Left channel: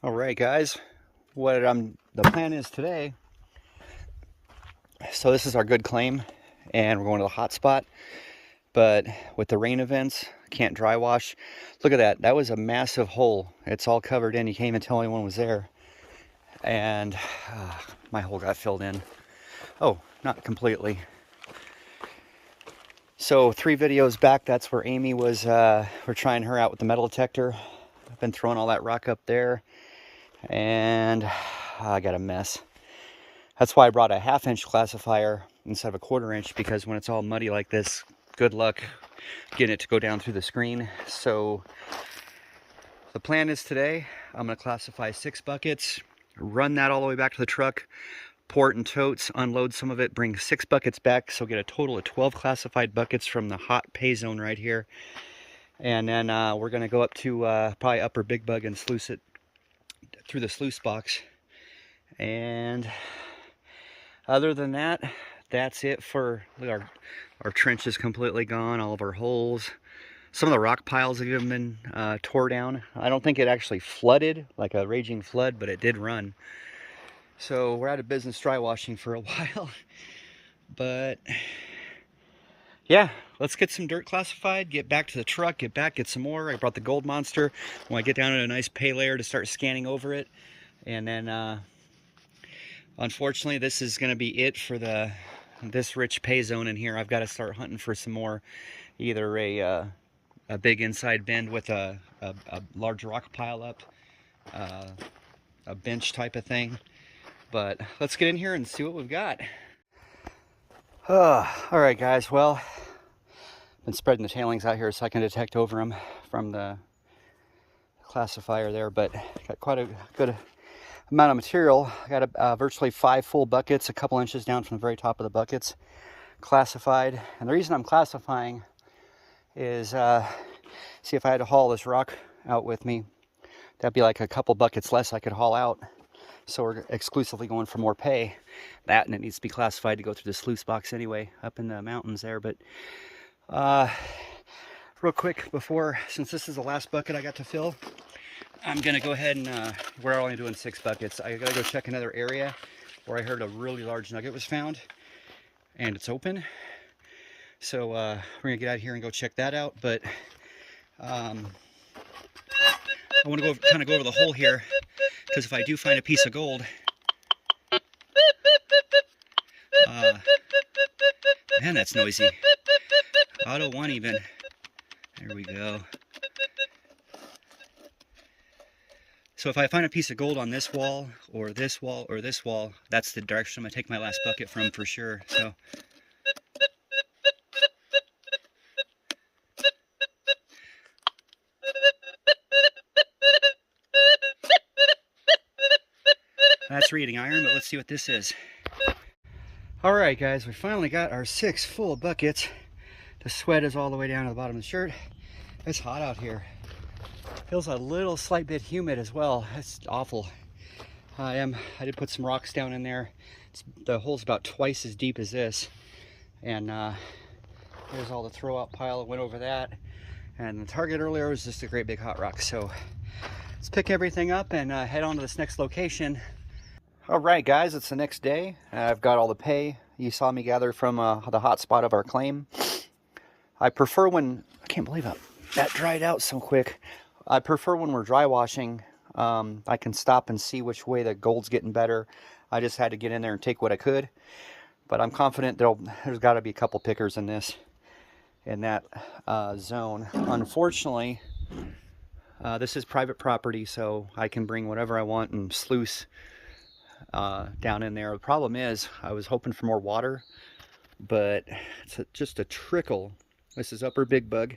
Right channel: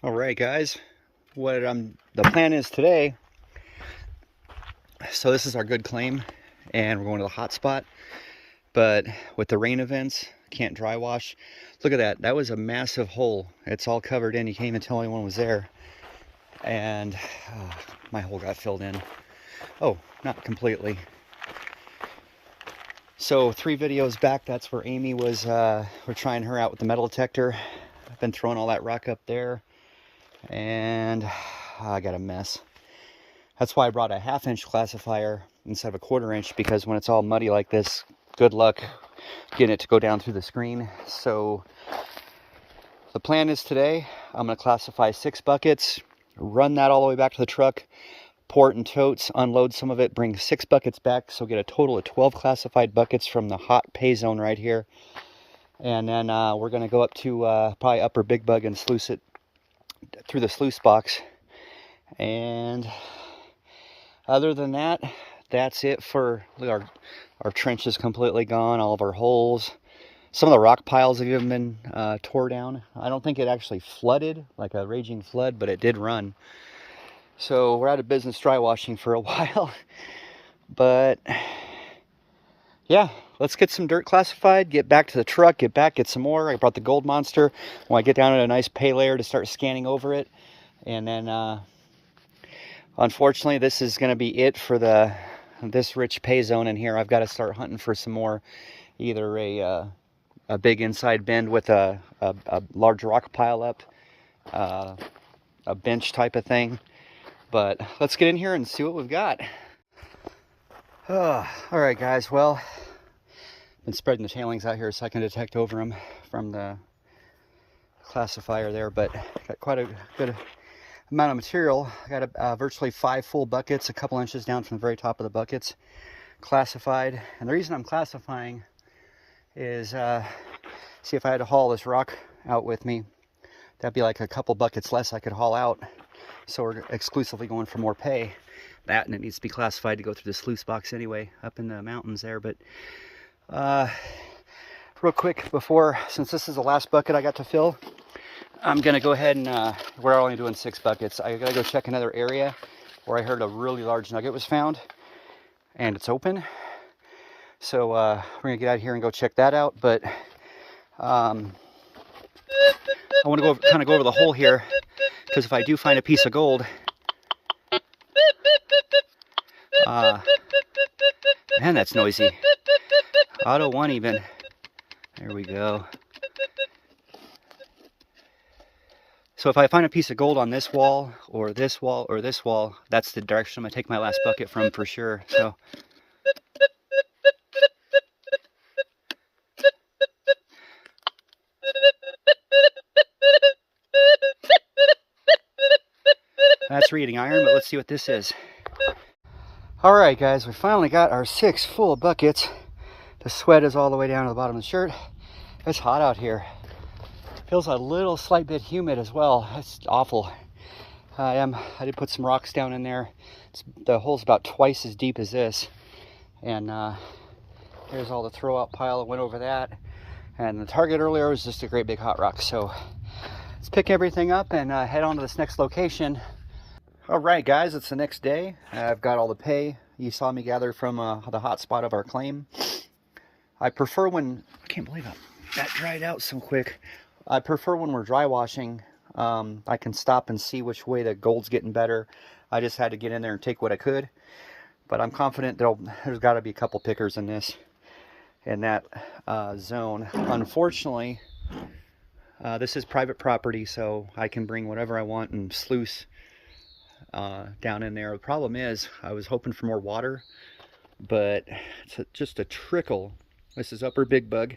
All right, guys, the plan is today. So this is our good claim, and we're going to the hot spot. But with the rain events, can't dry wash. Look at that. That was a massive hole. It's all covered in. You can't even tell anyone was there. And my hole got filled in. Oh, not completely. So 3 videos back, that's where Amy was. We're trying her out with the metal detector. I've been throwing all that rock up there, and I got a mess. That's why I brought a 1/2 inch classifier instead of a 1/4 inch, because when it's all muddy like this, good luck getting it to go down through the screen. So the plan is today, I'm going to classify 6 buckets, run that all the way back to the truck, pour it in totes, unload some of it, bring 6 buckets back, so get a total of 12 classified buckets from the hot pay zone right here. And then we're going to go up to probably upper Big Bug and sluice it through the sluice box. And other than that, that's it for our trench is completely gone, all of our holes. Some of the rock piles have even been tore down. I don't think it actually flooded like a raging flood, but it did run. So we're out of business dry washing for a while. But yeah, let's get some dirt classified, get back to the truck, get some more. I brought the gold monster. When I get down to a nice pay layer to start scanning over it. And then unfortunately, this is going to be it for this rich pay zone in here. I've got to start hunting for some more, either a big inside bend with a large rock pile up, a bench type of thing. But let's get in here and see what we've got. All right, guys. Well, been spreading the tailings out here so I can detect over them from the classifier there, but got quite a good amount of material. I got virtually 5 full buckets, a couple inches down from the very top of the buckets, classified. And the reason I'm classifying is, see, if I had to haul this rock out with me, that'd be like a couple buckets less I could haul out. So we're exclusively going for more pay. That, and it needs to be classified to go through the sluice box anyway, up in the mountains there. But real quick before, since this is the last bucket I got to fill, I'm gonna go ahead and we're only doing 6 buckets. I gotta go check another area where I heard a really large nugget was found, and it's open. So we're gonna get out of here and go check that out. But I want to kind of go over the hole here, because if I do find a piece of gold, man, that's noisy. Auto 1 even. There we go. So if I find a piece of gold on this wall, or this wall, or this wall, that's the direction I'm going to take my last bucket from for sure. So that's reading iron, but let's see what this is. All right, guys, we finally got our 6 full buckets. The sweat is all the way down to the bottom of the shirt. It's hot out here. Feels a little slight bit humid as well. It's awful. I did put some rocks down in there. The hole's about twice as deep as this. And there's all the throw out pile. I went over that. And the target earlier was just a great big hot rock. So let's pick everything up and head on to this next location. All right, guys, it's the next day. I've got all the pay you saw me gather from the hot spot of our claim. I prefer when, I can't believe that dried out so quick. I prefer when we're dry washing, I can stop and see which way the gold's getting better. I just had to get in there and take what I could. But I'm confident there's got to be a couple pickers in that zone. Unfortunately, this is private property, so I can bring whatever I want and sluice down in there. The problem is, I was hoping for more water, but it's just a trickle. This is upper Big Bug.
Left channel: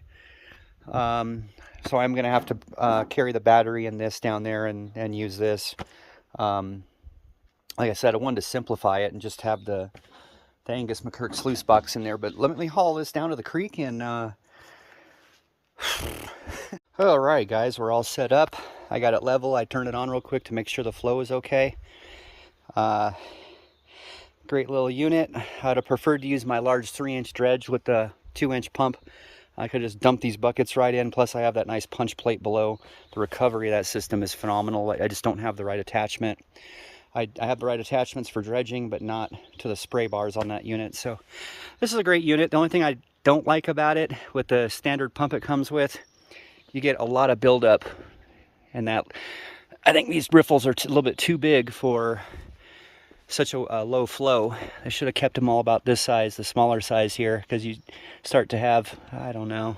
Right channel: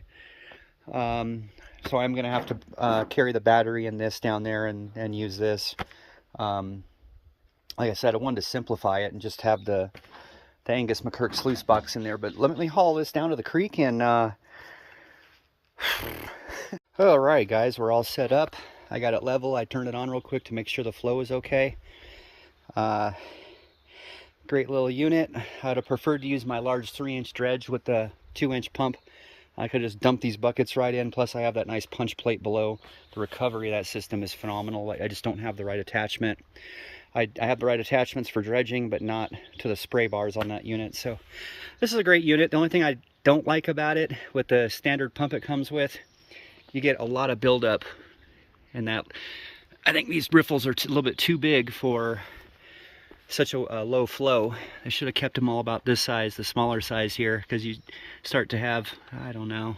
So I'm going to have to carry the battery in this down there and use this. Like I said, I wanted to simplify it and just have the Angus McKirk sluice box in there. But let me haul this down to the creek and... All right, guys, we're all set up. I got it level. I turned it on real quick to make sure the flow is okay. Great little unit. I'd have preferred to use my large 3-inch dredge with the 2-inch pump. I could just dump these buckets right in. Plus I have that nice punch plate below. The recovery of that system is phenomenal. I just don't have the right attachment. I have the right attachments for dredging, but not to the spray bars on that unit. So this is a great unit. The only thing I don't like about it, with the standard pump it comes with, you get a lot of buildup. And that, I think these riffles are a little bit too big for such a low flow. I should have kept them all about this size, the smaller size here, because you start to have, I don't know.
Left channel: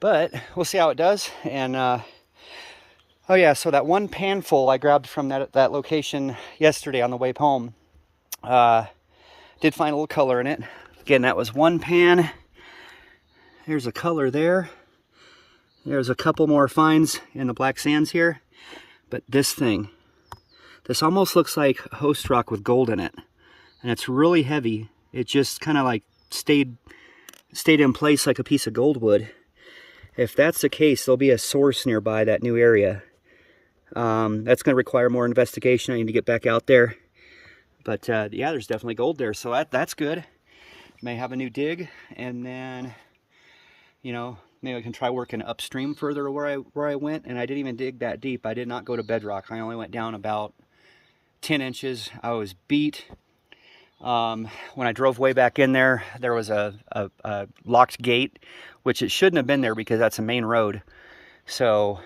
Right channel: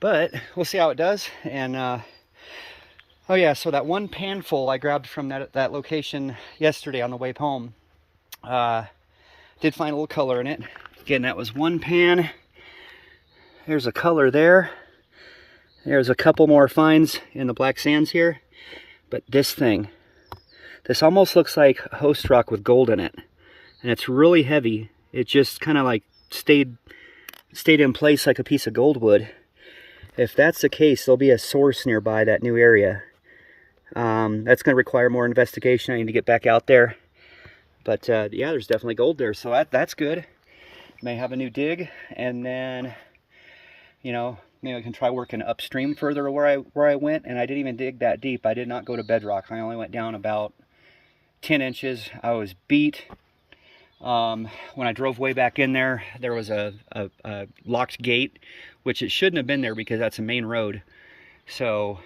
But we'll see how it does. And oh yeah, so that one pan full I grabbed from that location yesterday on the way home, did find a little color in it. Again, that was one pan. There's a color there. There's a couple more finds in the black sands here. But this thing, this almost looks like host rock with gold in it. And it's really heavy. It just kind of like stayed in place like a piece of gold would. If that's the case, there'll be a source nearby that new area. That's going to require more investigation. I need to get back out there. But yeah, there's definitely gold there. So that's good. May have a new dig. And then, you know, maybe I can try working upstream further where I went. And I didn't even dig that deep. I did not go to bedrock. I only went down about 10 inches. I was beat. When I drove way back in there, there was a locked gate, which it shouldn't have been there because that's a main road. So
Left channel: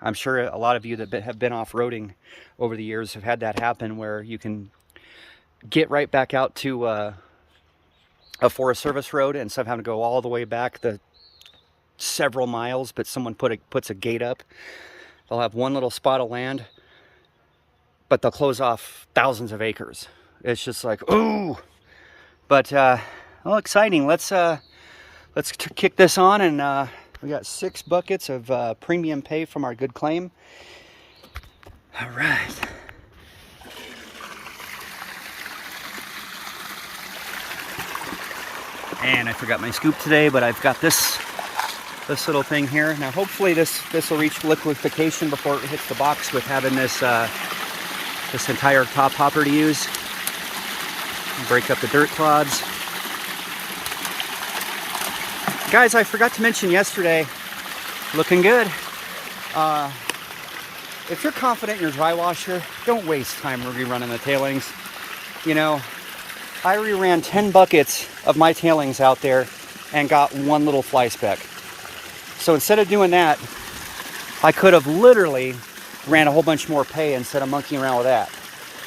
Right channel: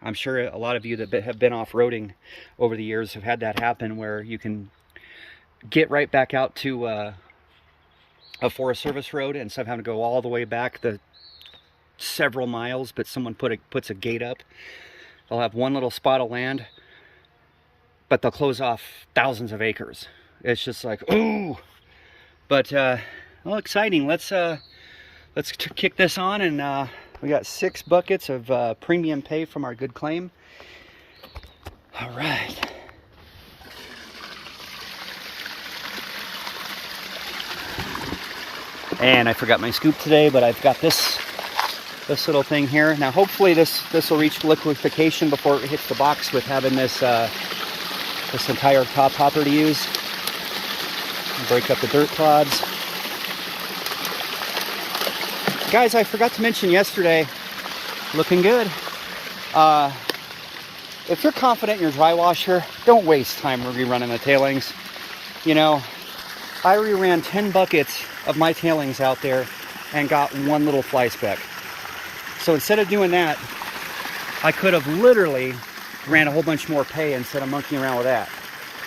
I'm sure a lot of you that have been off-roading over the years have had that happen, where you can get right back out to a Forest Service road instead of having to go all the way back the several miles, but someone puts a gate up. They'll have one little spot of land, but they'll close off thousands of acres. It's just like, ooh. But well, exciting. Let's kick this on, and we got 6 buckets of premium pay from our good claim. All right. And I forgot my scoop today, but I've got this little thing here. Now hopefully this will reach liquefaction before it hits the box, with having this this entire top hopper to use. Break up the dirt clods. Guys, I forgot to mention yesterday, looking good. If you're confident in your dry washer, don't waste time rerunning the tailings. You know, I reran 10 buckets of my tailings out there and got one little fly speck. So instead of doing that, I could have literally ran a whole bunch more pay instead of monkeying around with that.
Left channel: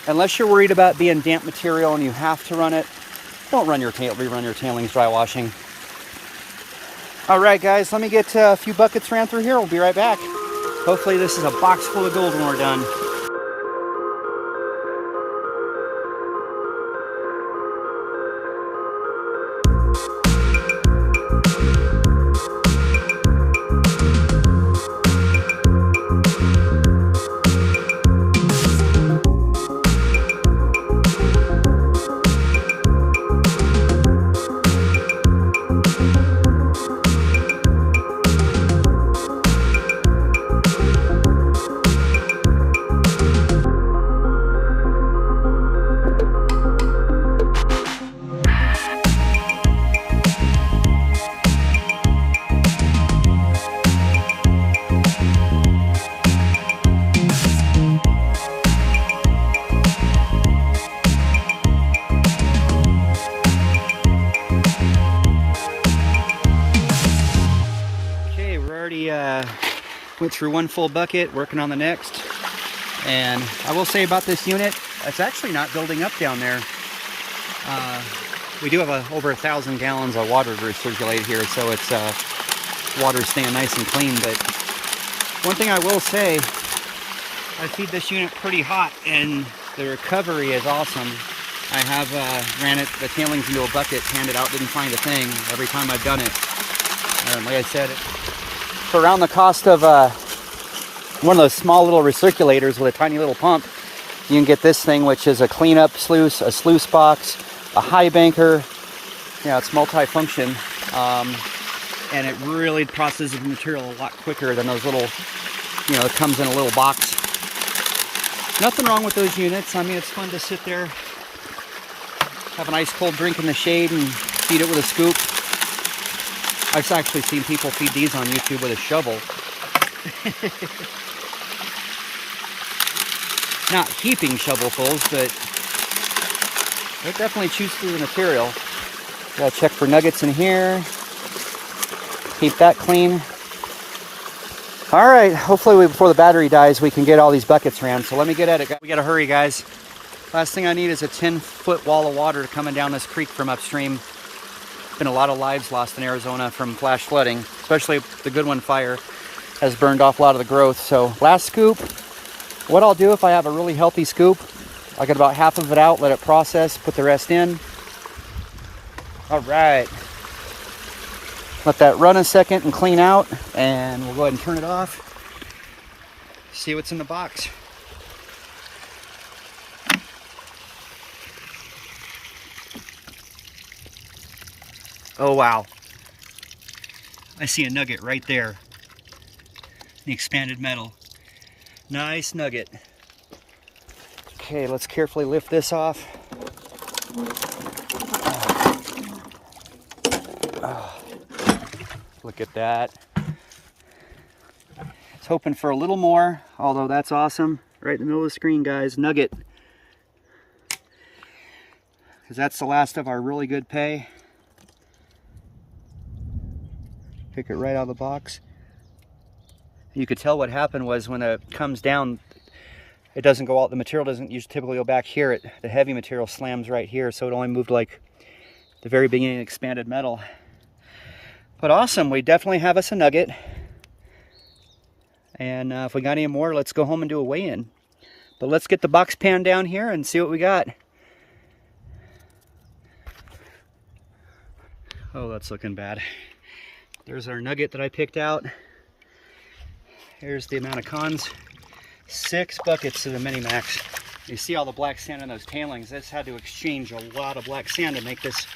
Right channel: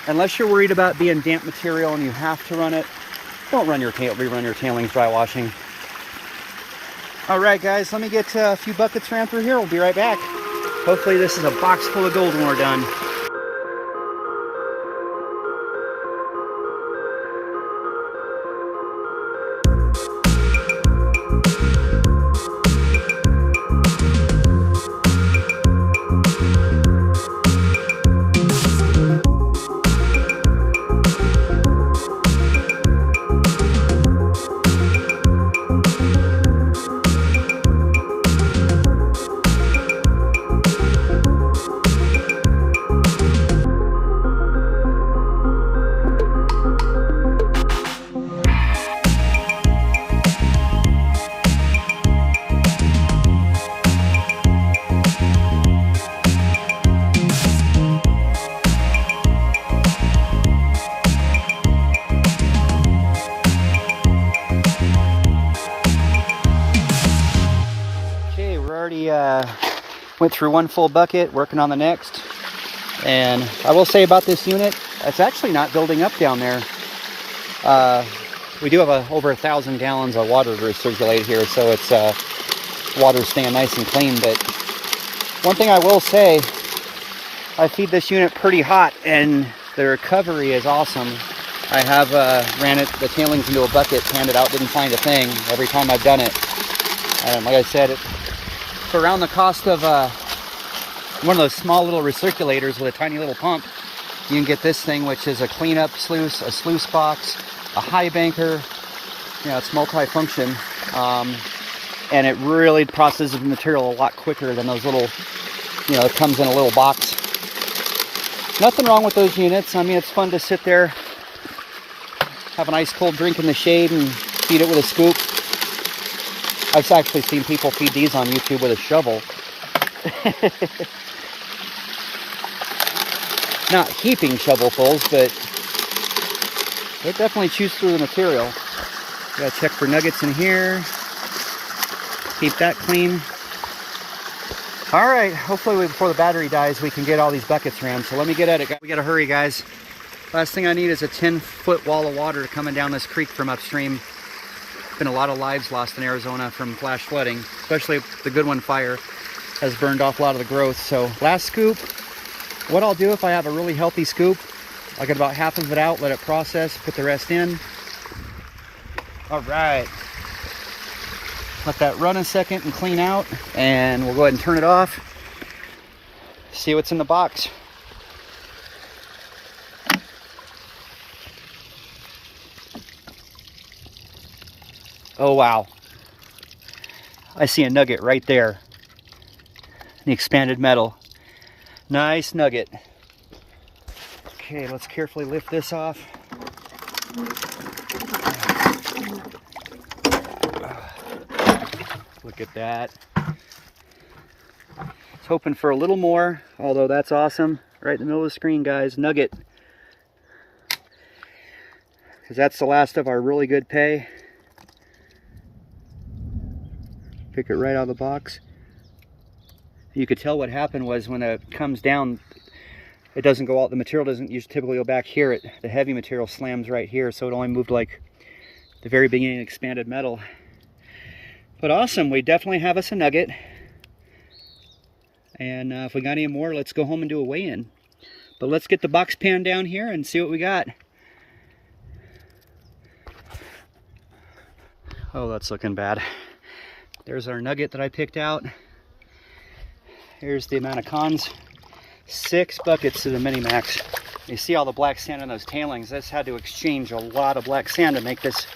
Unless you're worried about being damp material and you have to run it, don't rerun your tailings dry washing. All right, guys, let me get a few buckets ran through here. We'll be right back. Hopefully this is a box full of gold when we're done. Went through one full bucket, working on the next. And I will say about this unit, it's actually not building up down there. We do have over 1,000 gallons of water to recirculate here, so it's water's staying nice and clean. But one thing I will say, I feed this unit pretty hot, and the recovery is awesome. I have ran the tailings into a bucket, panned it out, didn't find a thing every time I've done it. Like I said, for around the cost of one of those small little recirculators with a tiny little pump, you can get this thing, which is a cleanup sluice, a sluice box, a highbanker. You know, it's multi-function, and it really processes the material a lot quicker than those little, you know, it comes in a little box. Nothing wrong with those units. I mean, it's fun to sit there, have an ice cold drink in the shade and feed it with a scoop. I've actually seen people feed these on YouTube with a shovel. Not heaping shovelfuls, but they definitely chews through the material. Gotta check for nuggets in here. Keep that clean. All right, hopefully before the battery dies, we can get all these buckets ran. So let me get at it. We gotta hurry, guys. Last thing I need is a 10-foot wall of water coming down this creek from upstream. Been a lot of lives lost in Arizona from flash flooding, especially the Goodwin fire has burned off a lot of the growth. So last scoop. What I'll do if I have a really healthy scoop, I'll get about half of it out, let it process, put the rest in. All right. Let that run a second and clean out, and we'll go ahead and turn it off. See what's in the box. Oh, wow. I see a nugget right there. The expanded metal. Nice nugget. Okay, let's carefully lift this off. Look at that. I was hoping for a little more, although that's awesome. Right in the middle of the screen, guys. Nugget. Because that's the last of our really good pay. Pick it right out of the box. You could tell what happened was when it comes down, it doesn't go out. The material doesn't usually typically go back here. The heavy material slams right here, so it only moved like the very beginning expanded metal. But awesome, we definitely have us a nugget. And if we got any more, let's go home and do a weigh-in. But let's get the box pan down here and see what we got. Oh, that's looking bad. There's our nugget that I picked out. Here's the amount of cons. 6 buckets to the Mini-Max. You see all the black sand in those tailings. This had to exchange a lot of black sand to make this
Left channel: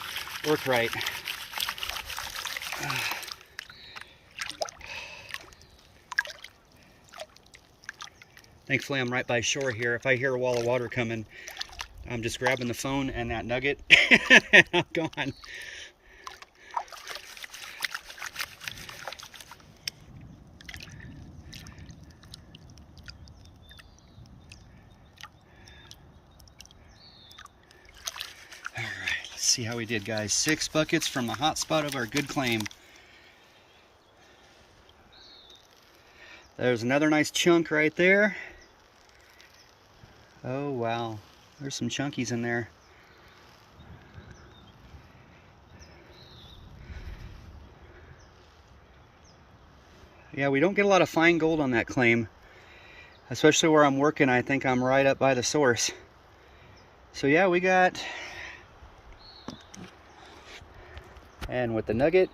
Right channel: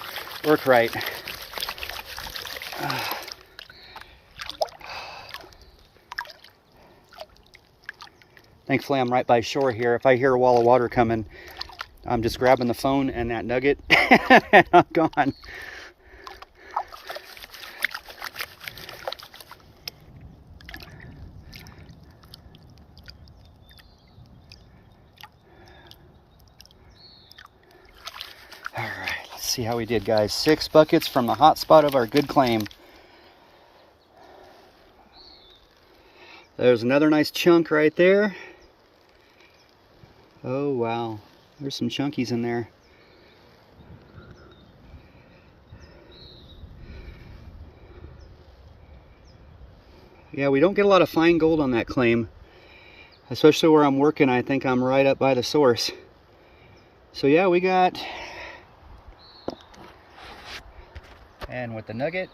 work right. Thankfully, I'm right by shore here. If I hear a wall of water coming, I'm just grabbing the phone and that nugget, and I'm gone. All right, let's see how we did, guys. 6 buckets from the hot spot of our good claim. There's another nice chunk right there. Oh, wow. There's some chunkies in there. Yeah, we don't get a lot of fine gold on that claim. Especially where I'm working, I think I'm right up by the source. So yeah, we got... And with the nugget,